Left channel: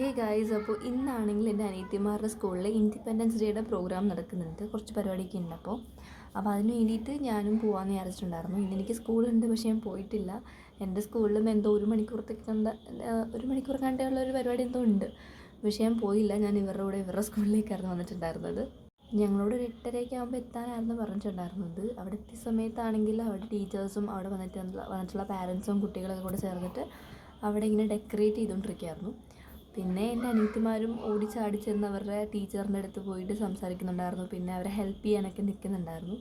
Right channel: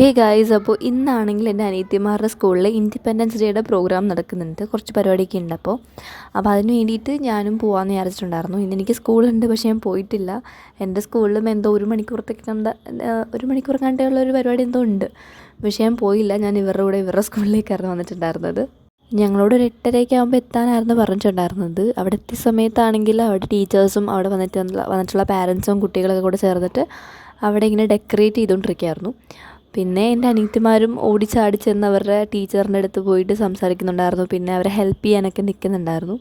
Hey guys, അപ്പോൾ ഇന്നാണെങ്കിൽ എൻ്റെ അനിയത്തിമാരുടെ സ്കൂളിൽ ഇൻഡിപെൻഡൻസ് ഡേയുടെ പ്രോഗ്രാം നടക്കുന്നുണ്ട്. കുറച്ച് പരിപാടിയൊക്കെ ഉണ്ട്. അപ്പോൾ അതിന് വേണ്ടിയിട്ട് ഞാനും പോകാമെന്ന് വിചാരിച്ചിട്ടുണ്ടായിരുന്നു. ഇന്നെനിക്ക് സ്കൂളുണ്ട്, പക്ഷേ ഞാൻ പോയിട്ടില്ല. എൻ്റെ സ്കൂളിലും എന്തോ ഒരു മണിക്കൂർ കണ്ടുള്ള ഒരു പരിപാടി എന്തോ ഉണ്ട്, പക്ഷേ ഞാൻ പോയില്ല. ഞാൻ ഇവരുടെ സ്കൂളിലേക്കായിരുന്നു വന്നിട്ടുണ്ടായിരുന്നത്. ഞങ്ങളോട് ഒരു 8:30 ആകുമ്പോൾ എത്താനായിരുന്നു പറഞ്ഞിട്ടുണ്ടായിരുന്നത്. അവിടെ എത്തിയ സമയത്താണെങ്കിൽ അവിടെ ടീച്ചേഴ്സും അവിടെ വന്നിട്ടുള്ള പാരൻസും കുട്ടികളൊക്കെ കൂടെ ചേർന്നിട്ട് അവിടെ ഇങ്ങനെ ഡെക്കറേറ്റ് ചെയ്തുകൊണ്ടിരിക്കുകയായിരുന്നു. പിന്നെ എൻ്റെ അനിയത്തിമാരും ഓടിച്ചാടി ചെന്ന് അവരുടെ ടീച്ചറിൻ്റെ അടുത്ത് പോയിട്ട് സംസാരിക്കുന്നുണ്ടായിരുന്നു. പിന്നെ അവരെ ഹെൽപ്പ് ചെയ്യാനൊക്കെ നിൽക്കുന്നുണ്ടായിരുന്നു.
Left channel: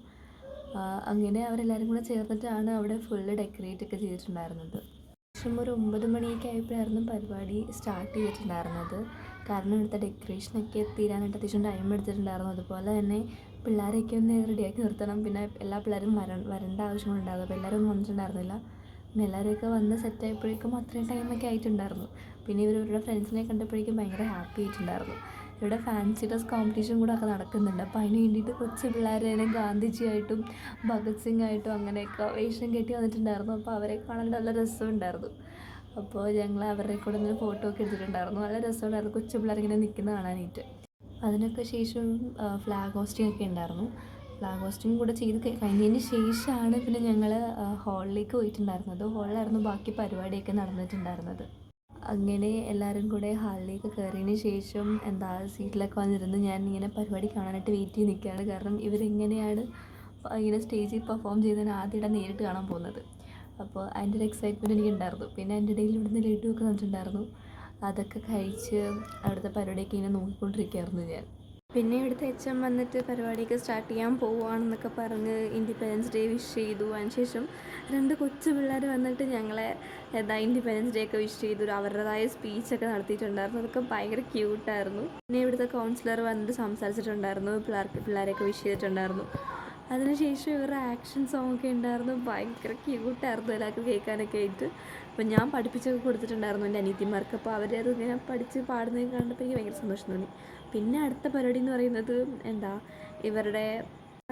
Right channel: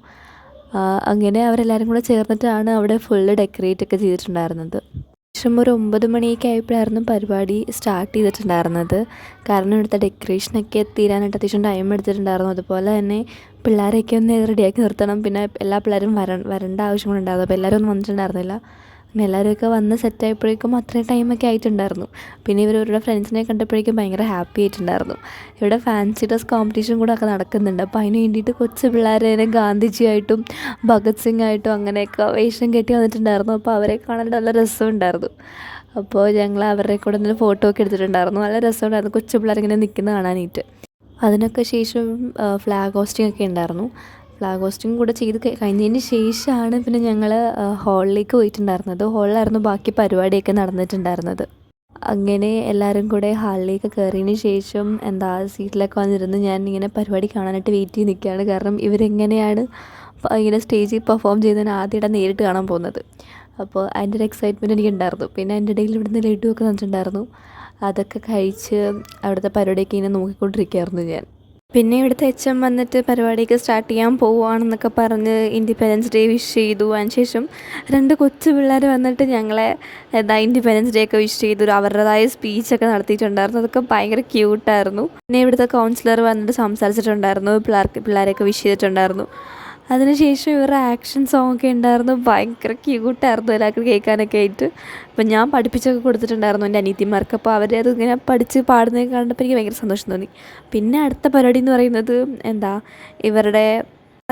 അങ്ങനെ അവരെല്ലാവരും കൂടെ ചേർന്നിട്ടാണ് അവിടെ ഫുള്ള് ഡെക്കറേറ്റ് ഒക്കെ ചെയ്തിട്ടുണ്ടായിരുന്നത്. ഏകദേശം ഒരു 9 മണിയൊക്കെ ആയപ്പോഴായിരുന്നു പരിപാടി സ്റ്റാർട്ട് ചെയ്തിട്ടുണ്ടായിരുന്നത്. കാരണം ഇവിടുത്തെ ഡെക്കറേഷനൊക്കെ തീരാനായിട്ട് അത്യാവശ്യം ടൈം എടുത്തിട്ടുണ്ടായിരുന്നു. അതുപോലെ തന്നെ പിള്ളേരെയൊക്കെ ഒന്ന് റെഡിയാക്കി നിർത്തണം. പിന്നെ എല്ലാ പിള്ളേരും വരേണ്ട ആവശ്യങ്ങളുണ്ടായിരുന്നു. അപ്പോൾ എല്ലാവരും ഒന്നും വന്നിട്ടുണ്ടായിരുന്നില്ല. പിന്നെ എല്ലാവരുമൊക്കെ വന്ന് സെറ്റായപ്പോഴേക്കും അത്രയും ടൈമൊക്കെ ആയിട്ടുണ്ടായിരുന്നു. പിന്നെ ഇവരുടെ ഫ്രണ്ട്സിനെ കണ്ടപ്പോഴേക്കും ഭയങ്കര ഹാപ്പി ആയിട്ടുണ്ടായിരുന്നു. ഇവിടെ ഫാൻസി ഡ്രസ് കോമ്പറ്റീഷൻ കൂടെ ഒക്കെ നടക്കുന്നുണ്ട്. അപ്പോൾ അതിന് വേണ്ടിയിട്ട് കൊച്ചു പിള്ളേരെ ഗാന്ധിജിയായിട്ടും ഭഗത് സിംഗ് ആയിട്ടും അങ്ങനെയൊക്കെ വേഷം കെട്ടി വന്നിട്ടുണ്ടായിരുന്നു. അപ്പോൾ അവരെ കാണാൻ നല്ല രസമുണ്ടായിരുന്നു. അപ്പോൾ ഞങ്ങൾ അവരുടെ കൂടെ നിന്ന് ഫോട്ടോ ഒക്കെ എടുത്തിട്ടുണ്ടായിരുന്നു. നല്ല രസമുണ്ടായിരുന്നു കൊച്ചു പിള്ളേരിങ്ങനെ നിൽക്കുന്നത് കാണാനായിട്ട്. അതിനൊക്കെ ശേഷം ഫ്ലാഗ് ഹോസ്റ്റിംഗ് ഒക്കെ ഉണ്ടായിരുന്നു. ഫ്ലാഗ് ഹോസ്റ്റിംഗ് കൂടെ ചെയ്ത് കഴിഞ്ഞതിന് ശേഷമാണ് പിന്നെ ഞങ്ങൾ ഹാളിലേക്ക് പോയിട്ടുണ്ടായിരുന്നത്. ഹാളിലായിരുന്നു ബാക്കി പരിപാടിയൊക്കെ നടന്നിട്ടുണ്ടായിരുന്നത്. അങ്ങനെ എല്ലാവരും കൂടെ ഹാളിലേക്ക് കയറിയതിന് ശേഷം സീറ്റിലൊക്കെ വന്നിരുന്ന് ഞാൻ ഇങ്ങനെ പരിപാടി കാണാനായിട്ട് വെയിറ്റ് ചെയ്ത് നിൽക്കുകയാണ്. കാരണം ഇവരെങ്ങനെയാണ് ഇങ്ങനെ സ്റ്റേജിൽ പെർഫോം ചെയ്തതിന് ആദ്യമായിട്ട് നേരിട്ട് കാണാൻ പോകുന്നത്. അപ്പോൾ അതിൻ്റെ ഒരു എക്സൈറ്റ്മെൻറ്റ് എനിക്കുണ്ടായിരുന്നു. പിന്നെ എൻ്റെ ഇടയിൽ ഇവിടുന്ന് ലഡുവൊക്കെ തന്നിട്ടുണ്ടായിരുന്നു. അതൊക്കെ കഴിച്ച് അവിടുത്തെ പരിപാടിയൊക്കെ ഇങ്ങനെ നോക്കിക്കൊണ്ടിരിക്കുകയായിരുന്നു ഞാൻ. പിന്നെ ഇവിടുത്തെ എച്ച് വന്നിട്ട് പരിപാടിയൊക്കെ സ്റ്റാർട്ട് ചെയ്യാൻ പോവുകയാണെന്നൊക്കെ പറഞ്ഞ് ഇൻഡിപെൻഡൻസ് ഡേ വിഷ് ചെയ്തു. അതിനുശേഷം 2 കൊച്ചു പിള്ളേർ വന്നിട്ട് ഞങ്ങളെ ഇൻഡിപെൻഡൻസ് ഡേ ഒക്കെ വിഷ് ചെയ്തു. അവരുടേതായ സ്പീച്ചൊക്കെ നടത്തിയിട്ടുണ്ടായിരുന്നു. അതൊക്കെ ഭയങ്കര ക്യൂട്ടായിരുന്നു. പിന്നെ ഇവിടുത്തെ കൗൺസിലർ വന്നിട്ട് സംസാരിച്ചിട്ടുണ്ടായിരുന്നു. പിള്ളേരെയൊക്കെ വിഷ് ചെയ്തിട്ടുണ്ടായിരുന്നു. അതിനുശേഷം ഇവരുടെ ആക്ഷൻ സോങ് ഒക്കെ ഉണ്ടായിരുന്നു. ഭയങ്കര ക്യൂട്ടായിരുന്നു എല്ലാവർക്കും കേൾക്കാനൊക്കെ ആയിട്ട്. അപ്പം ഞാൻ പഠിപ്പിച്ചൊക്കെ കൊടുത്തിട്ടുണ്ടായിരുന്നു എൻ്റെ അനിയത്തിമാർക്ക്. അപ്പോൾ അവരത് ഇങ്ങനെ പഠിച്ച് പാടുന്നത് കണ്ടപ്പോൾ എനിക്ക് ഭയങ്കര സന്തോഷം തോന്നി. പിന്നെ അടുത്ത പരിപാടി എന്ന് പറയുന്നത് ഇവരുടെ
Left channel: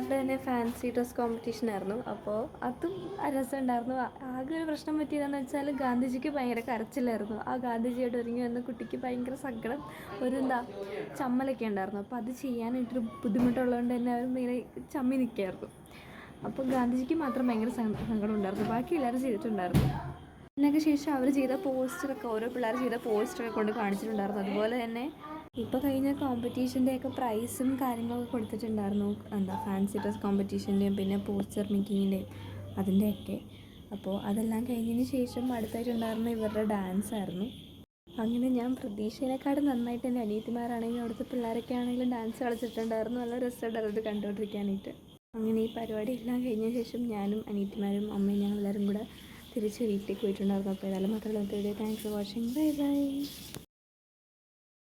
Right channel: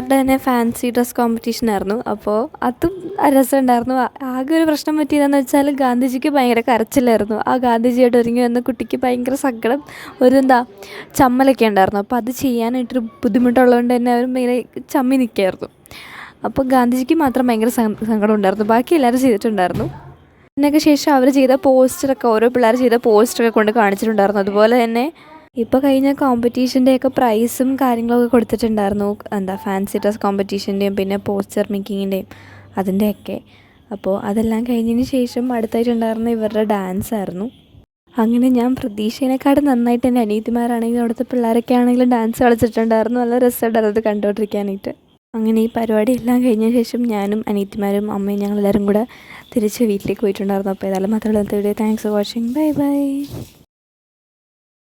തന്നെ ഫാൻസി ഡ്രസ് കോമ്പറ്റീഷൻ ആയിരുന്നു. അപ്പോൾ അതും രസമുണ്ടായിരുന്നു. ആകെ ഒരു പ്രശ്നം പറ്റിയതെന്ന് വെച്ചാൽ ഗാന്ധിജിക്ക് ഭയങ്കര കരച്ചിലായിരുന്നു. ആ ഗാന്ധിജിയായിട്ട് ഒരുങ്ങി വന്ന കുട്ടിക്ക് ഭയങ്കര സങ്കടം, ചമ്മലൊക്കെ ഉണ്ടായിരുന്നു. അപ്പോൾ അത് ചെയ്യാനായിട്ടൊരു ബുദ്ധിമുട്ടുള്ളതുകൊണ്ട് തന്നെ അവർ ഭയങ്കര ചമ്മി നിൽക്കുകയായിരുന്നു. അപ്പോൾ ഗാന്ധിജിക്ക് മാത്രം ഭയങ്കര സങ്കടം ഉണ്ടായിരുന്നു. ബാക്കി എല്ലാവരും ചെയ്തിട്ടുണ്ടായിരുന്നു. അതിനൊക്കെ ശേഷം അവർ ചെയ്ത പോസ്റ്ററൊക്കെ ഓരോ പിള്ളേർ ചെയ്ത പോസ്റ്ററൊക്കെ കൊണ്ട് കാണിച്ചിട്ടുണ്ടായിരുന്നു. അതുപോലെ തന്നെ ഇപ്പോൾ കഴിഞ്ഞ കോമ്പറ്റീഷൻ്റെയൊക്കെ പ്രൈസും കാര്യങ്ങളൊക്കെ കൊടുത്തിട്ടുണ്ടായിരുന്നു. ഫാൻസി ഡ്രസ് കോമ്പറ്റീഷൻ്റെയും പിന്നെ പോസ്റ്റർ മേക്കിങ്ങിൻ്റെയും അതിൻ്റെയൊക്കെ. അപ്പോൾ അതെല്ലാം കഴിഞ്ഞതിന് ശേഷം അടുത്തായിട്ടുണ്ടായിരുന്ന ഇവരുടെ ഡാൻസ് ആയിരുന്നു. അങ്ങനെ ഞാൻ പ്രതീക്ഷേനെക്കാളും നന്നായിട്ട് എൻ്റെ അനിയത്തിമാരാണെങ്കിലും അവിടുത്തെ പിള്ളേരൊക്കെ ആണെങ്കിലും ഡാൻസ് കളിച്ചിട്ടുണ്ടായിരുന്നു. നല്ല രസമുണ്ടായിരുന്നു അത് കണ്ടുകൊണ്ടിരിക്കാനായിട്ട്. അങ്ങനെ ഈ പരിപാടി എല്ലാം കഴിഞ്ഞ ശേഷം ഞാനും അനിയത്തിമാരും അമ്മയും ഞങ്ങളെല്ലാവരും കൂടെ തിരിച്ച് വീട്ടിലേക്ക് പോയിട്ടുണ്ടായിരുന്നു. അപ്പോൾ ഏതായാലും മാത്രമല്ല video. Thanks for watching. Bye bye.